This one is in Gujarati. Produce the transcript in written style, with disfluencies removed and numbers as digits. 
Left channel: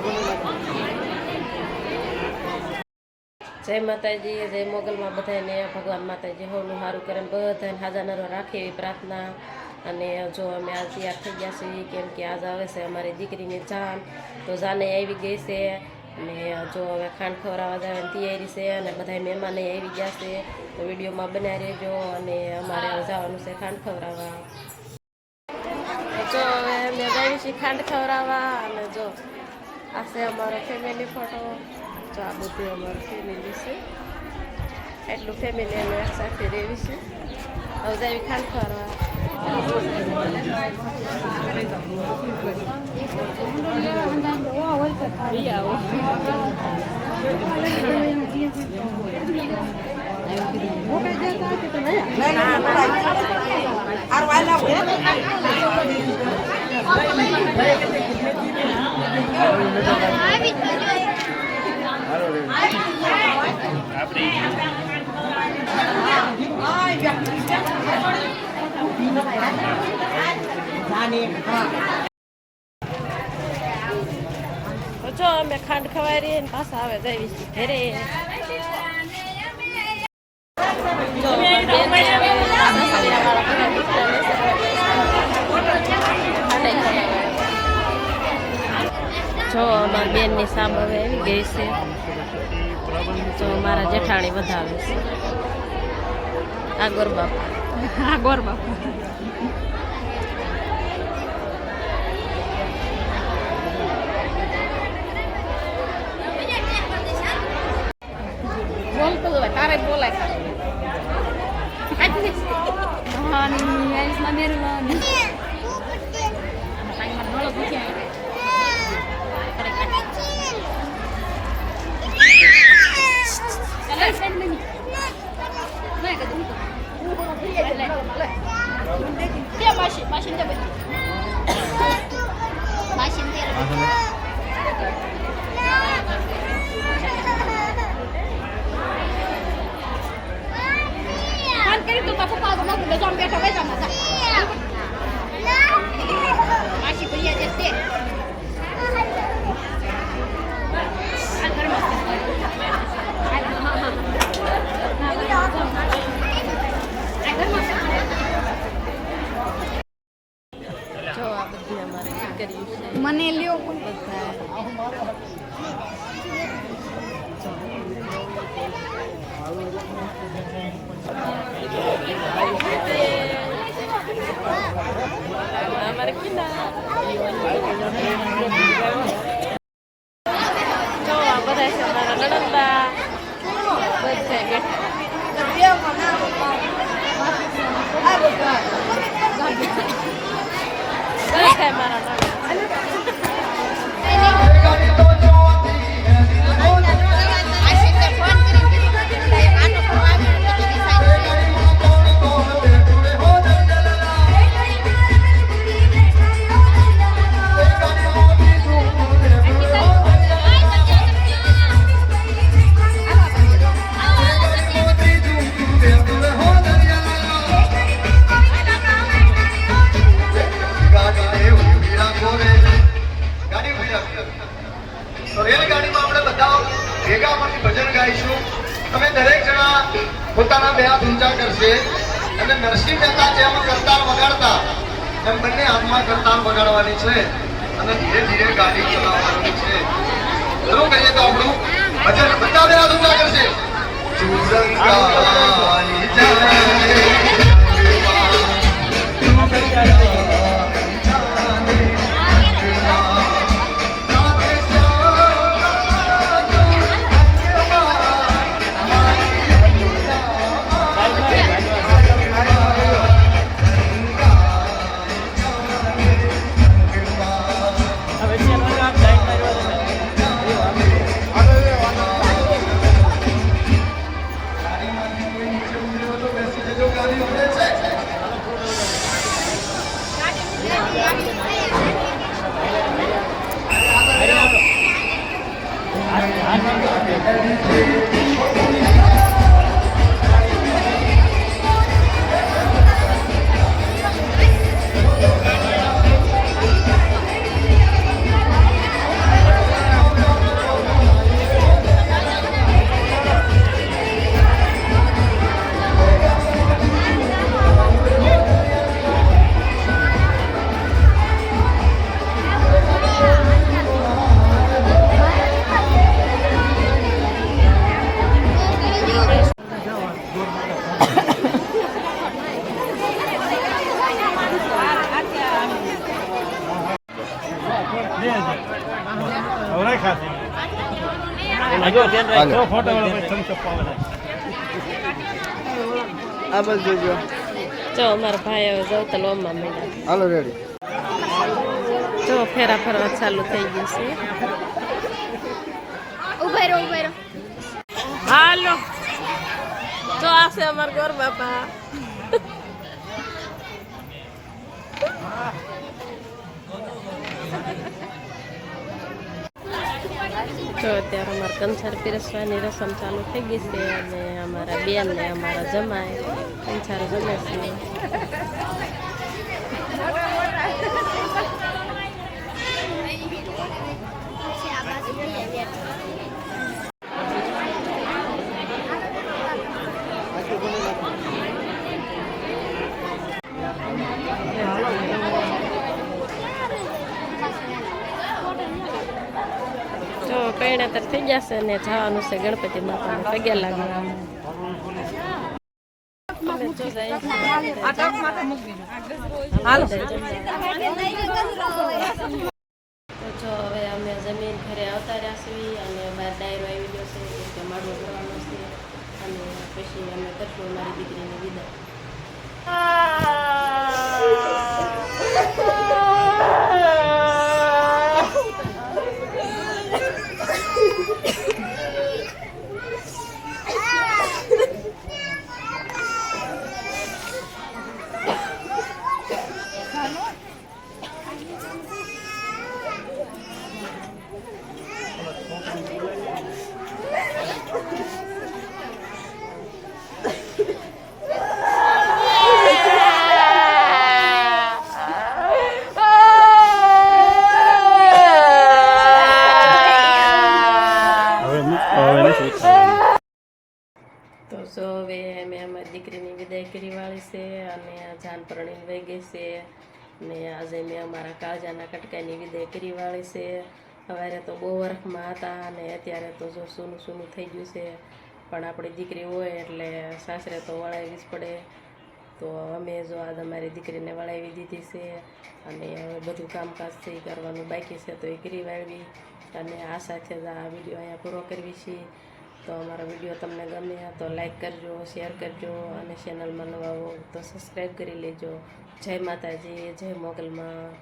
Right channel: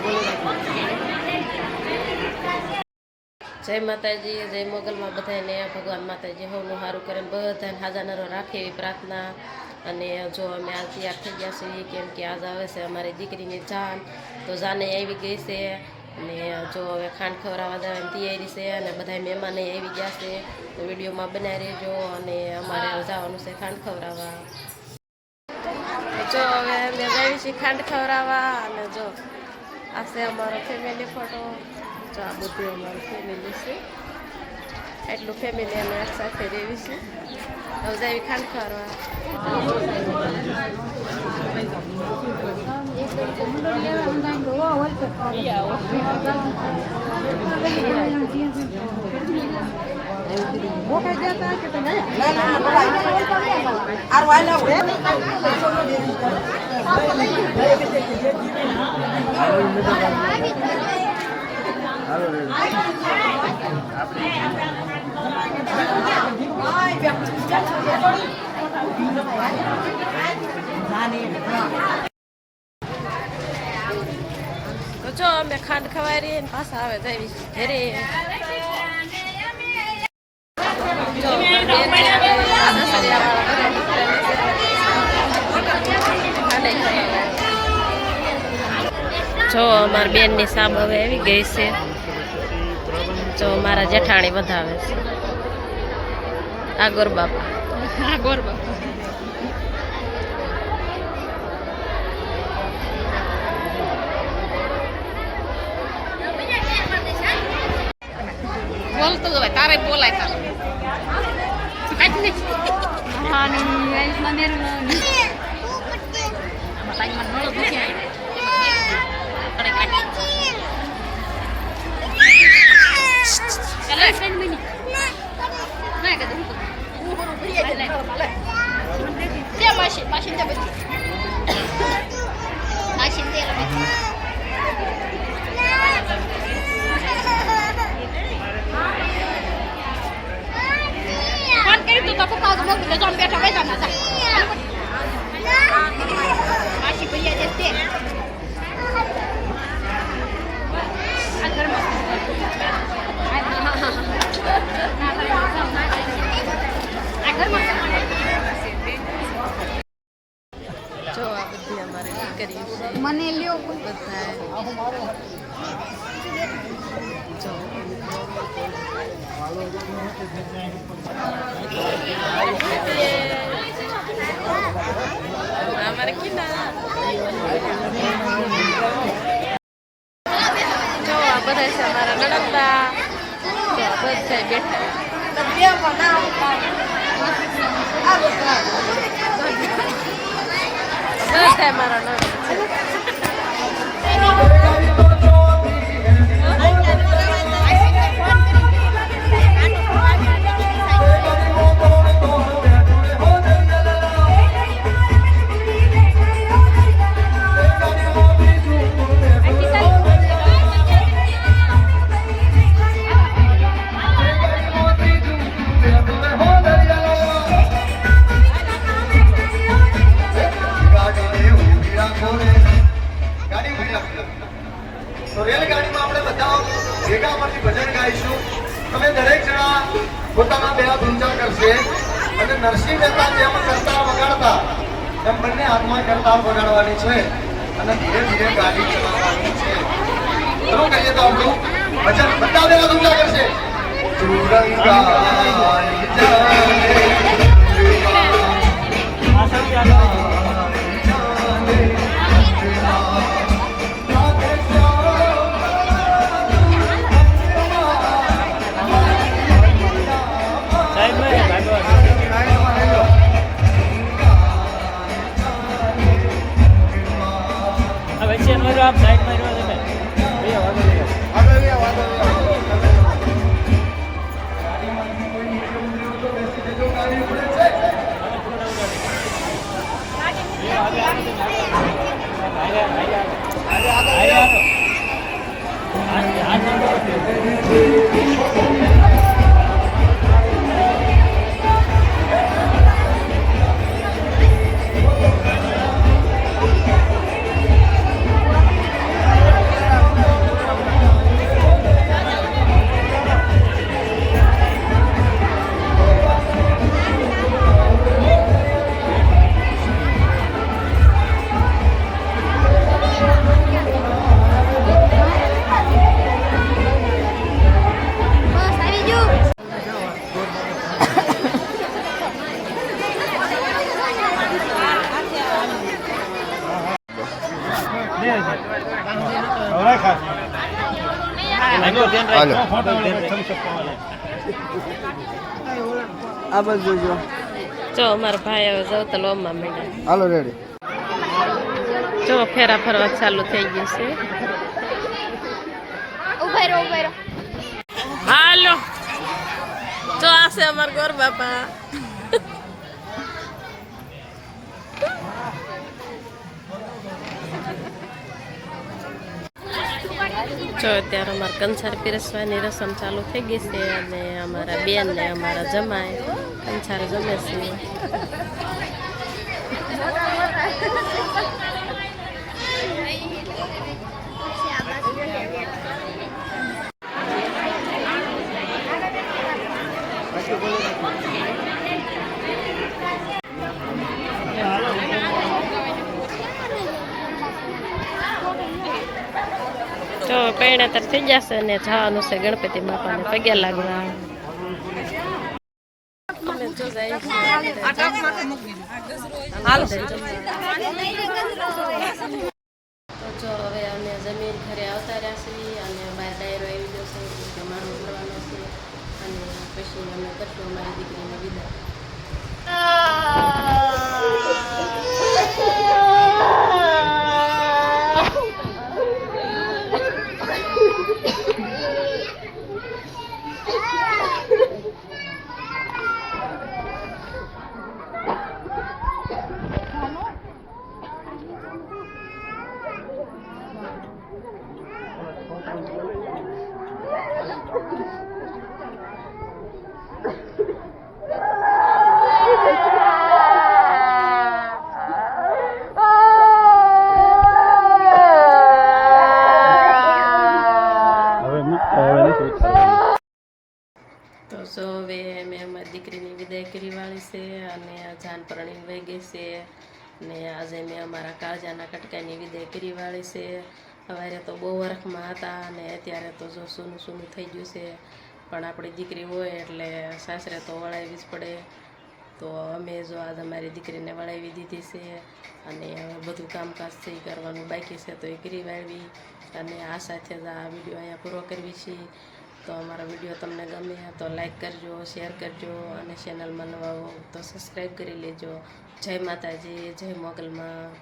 જય માતાજી, જય મોગલમાં બધાને ભગવાન માતાજી હવનું સારું કરે બધાને હાજાનરો રાખે એવી પ્રાર્થના. અને જો અમે આ તૈયાર થઈ ગયા છીએ કેમ કે આજ આવે છે અમારી દીકરીની જાન, તો જાને આવી ગઈ છે. અને જો હવે ખાંડ ખવડાવવા જવાની તૈયારી છે અને બધા મહેમાને આવી ગયા છે, તો વિડીયોમાં બનાવી રહેજો. અને અમારે જવાનું છે ખાંડ ખવડાવવા. જો હવે અમે જઈએ છીએ ખાંડ ખવડાવવા. અને જો આ છે અમારો ફેમિલી ફોટો. તો આ બધું અમારું ફેમિલી છે, એટલું ફેમિલી અમે એક સાથે રહેવી છે. હવે જાવી ખાંડ ખવડાવવા. તો જો અમે ખાંડ ખવાઈ રહી ને પાછા આવે જઈશ ઘરે. જો બેન ને હવે સાસરિયા વાળા બધા દીકરા લેશે ખાંડ ખવડાવે. જો અમારી બેન ની સાબ હવે આવી ગઈ છે. જો મારા જેઠાણી વધાવે છે. આ ગોરબાપા બોલતો તારે બોલાય જો આ બધી અમારી દીકરી છે. મને લ્યો બધા જો અમારે કિના જો આ બધા છે અમારા નણંદા. બધા બેઠા મારા નણંદ. પોતાના બે હાથ ઊંચા કરશે અને નરસિંહ મહેતા જેમ કરતાર વગાડતા એમ બંને હાથમાં કરતાર વગાડવાની છે અને ધીરે ધીરે ગાડી ચલાવવાની છે. ચલો કહીએ તો આપણું ભજન બધા બે હાથ ઊંચા કરશે. જો અમારા ભાઈ હવે જવતા લોમમાં મળ્યા. હાલો રેડી. જો ફેરા ફરવા ચાલુ થઈ ગયું છે. ઉભા રહો. હાલો જો આ છે અમાર ગોર બાપા. જો અત્યારે અમારે કંસાર પીરસવાની રસમ ચાલુ થઈ ગઈ છે અને અમારા બેન ને અમારા જમાઈ કંસાર જમે છે. જો પૈણાતર થઈ જશે ને જવાનું છે ગણપતિ બાપાને પગે લાગવા. અમે જો જાય તો જો હવે અમે જમીન ઘરે આવતા રહ્યા છીએ અને બહાર ડાયરો આવી ગયો છે કે માડવો ભરવાનો છે અને પછી અમે કરશું અમારી દીકરીને વિદાય. તો જો હવે મેં અમારી દીકરીની વિદાય કરી વાળી છે અને જાન પરણીને વહી ગઈ છે ને આજે મેં અમારા કાળજાના કટકાની વિદાય કરી વાળી છે. સવારે તો બહુ વરખમાં હતા અને અત્યારે તો જો સૂનું થઈ ગયું છે પણ આપણી દીકરી હોય એટલે સાસરે તો વળાવવી જ પડે. તો અમે જો આજ અમારી દીકરીને વળાવી દીધી છે અને હવે બધું કામકાજ છે એ કરવાનું બાકી છે તો એ કરી વાળવી અને આ સાથે જ આ વિડીયો અહીંયા પૂરો કરવી છીએ. તો અમારો વિડીયો તમને ગમે તો લાઈક કરજો, શેર કરજો અને ચેનલમાં નવા હો તો સબસ્ક્રાઈબ કરી લેજો. જય માતાજી, જય મોગલમાં.